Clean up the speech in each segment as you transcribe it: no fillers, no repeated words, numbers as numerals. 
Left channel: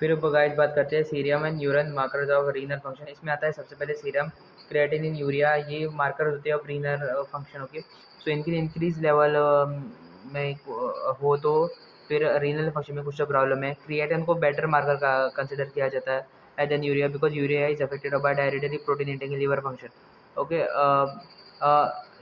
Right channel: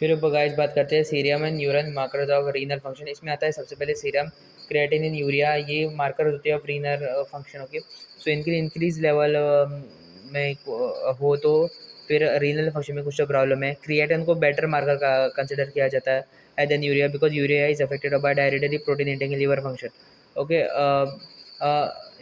फिर गाइस बात करते हैं serum and urine markers of renal function. इसमें आता है सबसे पहले सीरम, क्रिएटिनिन, यूरिया, ये मार्कर होते हैं ऑफ रीनल फंक्शन। ओके, सो इनकी इंक्रीज लेवल में हो तो फिर रीनल फंक्शन में कुछ तो प्रॉब्लम है। क्रिएटिन को बेटर मार्कर का कंसिडर किया जाता है then urea, because urea is affected by directly protein intake in liver function. Okay,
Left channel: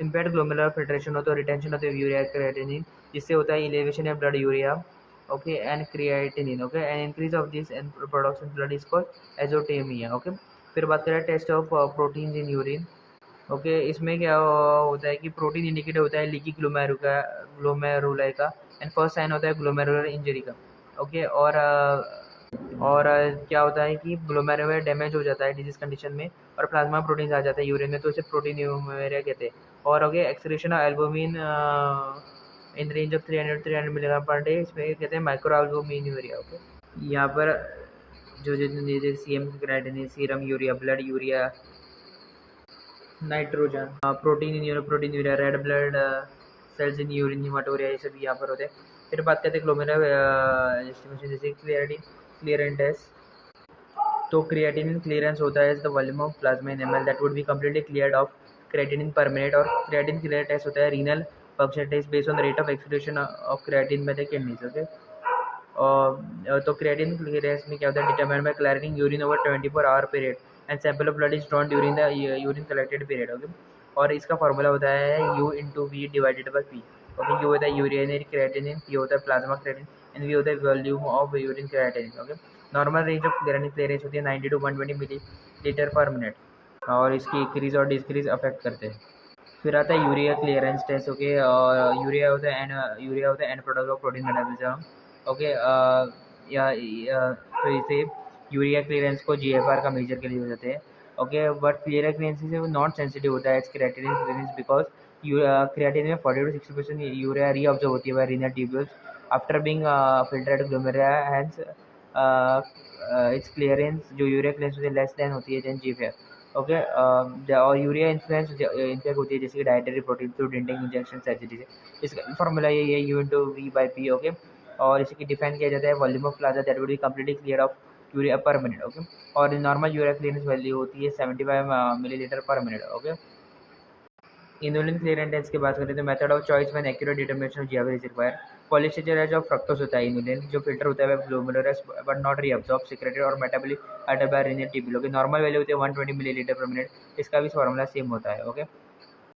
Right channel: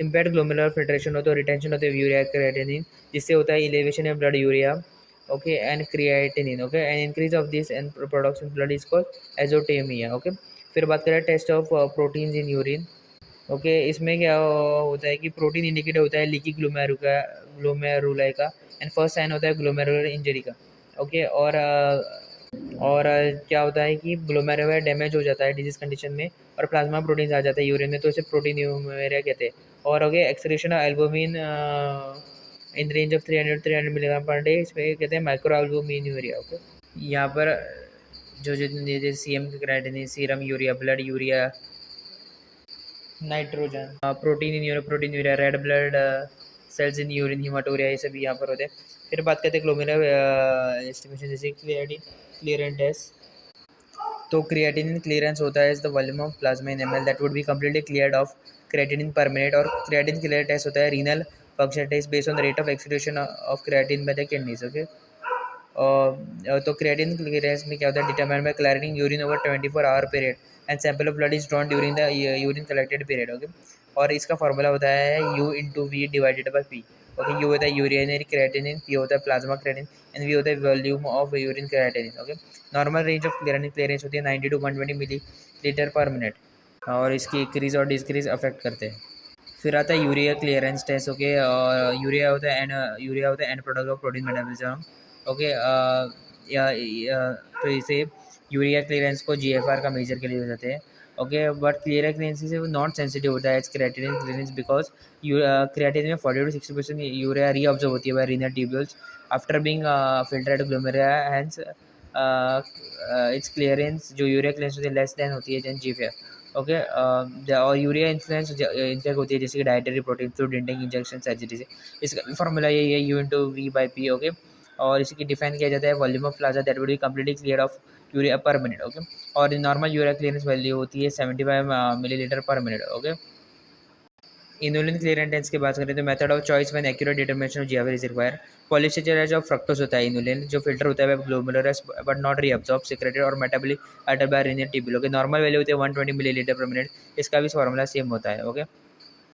impaired glomerular filtration हो तो रिटेंशन होते हैं यूरिया क्रिएटिनिन, जिससे होता है elevation of blood urea, okay, and creatinine, okay, and increase of this and production blood is called azotemia। okay, फिर बात करें test of proteins in urine. Okay, इसमें क्या होता है कि प्रोटीन इंडिकेटर होता है लीकी ग्लोमेरुलाई का, एंड फर्स्ट साइन होता है ग्लोमेरुलर इंजरी का। ओके, क्या होता है कि ग्लोमेरुलर डैमेज हो जाता है डिजीज कंडीशन में और प्लाज्मा प्रोटीन्स आ जाता है यूरिन में, तो इसे प्रोटीन यूरिया कहते हैं। और हो गया excretion of albumin in range of 300 milligram per day, इसमें कहते हैं माइक्रो एल्बुमिन यूरिया। ओके, यहाँ पर जो सीएम के criteria, serum urea, blood urea, nitrogen, protein in urea, protein urea, red blood cells in urine, haematuria, ये सभी यहाँ पर होते हैं। फिर बात करते हैं ग्लोमेरुलर एस्टिमेशन, जैसे क्लियरेंस टेस्ट। तो क्रिएटिनिन क्लियरेंस होता है the volume of plasma in ml that would be completely cleared of creatinine per minute. और क्रिएटिन क्लियर टेस्ट होता है renal function test based on the rate of excretion of creatine by the kidneys. Okay, तो creatine clearance में क्या होता है, determined by clearing urine over 24 hour period and sample of blood is drawn during the urine collected period. Okay, और इसका formula होता है U/V divided by P। Okay, you होता है यूरिनरी क्रिएटिनिन, P होता है प्लाज्मा क्रिएटिनिन, एंड V होता है volume of urine creatinine. Okay, normal range of clearance होती है 90 to 120 मिलीलीटर पर मिनट, और इसकी इंक्रीज और डिक्रीज अफेक्ट करते हैं। फिर आता है यूरिया क्लियरेंस टेस्ट। ओके, और यूरिया होता है and product of protein metabolism. Okay, तो इसे यूरिया क्लियरेंस को GFR का मेजर के लिए हो जाते हैं। ओके, बट क्लियर क्लियरेंस से वो नॉट सेंसिटिव होता है क्रिएटिनिन क्लियरेंस, बिकॉज क्रिएटिनिन में 40 to 60% यूरिया रीअब्जॉर्ब होती है by renal tubules after being filtered glomerula, hence its clearance जो यूरिया क्लियरेंस होती है लेस देन होती है देन GFR। ओके, और यूरिया इन्फ्लुएंस इन्फ्लुएंस होती है जैसे कि dietary protein, fluid intake, injection, surgery से। इसका फॉर्मूला यही है U/V/P। ओके, और इसकी डिफाइन किया जाता है volume of plasma that will be completely clear of urea पर मिनट। ओके, और नॉर्मल यूरिया क्लियरेंस वैल्यू होती है 75 मिलीलीटर पर मिनट। ओके, इनुलिन क्लियरेंस की बात करें तो method of choice when accurate determination of GFR is required. Polysaccharide जो फ्रक्टोज होता है इनुलिन, जो फिल्टर होता है glomerulus but not reabsorb, secreted और metabolic alter by renal tubule. Okay, normal value होती है 120 मिलीलीटर पर मिनट, इसका भी फॉर्मूला सेम होता है। ओके,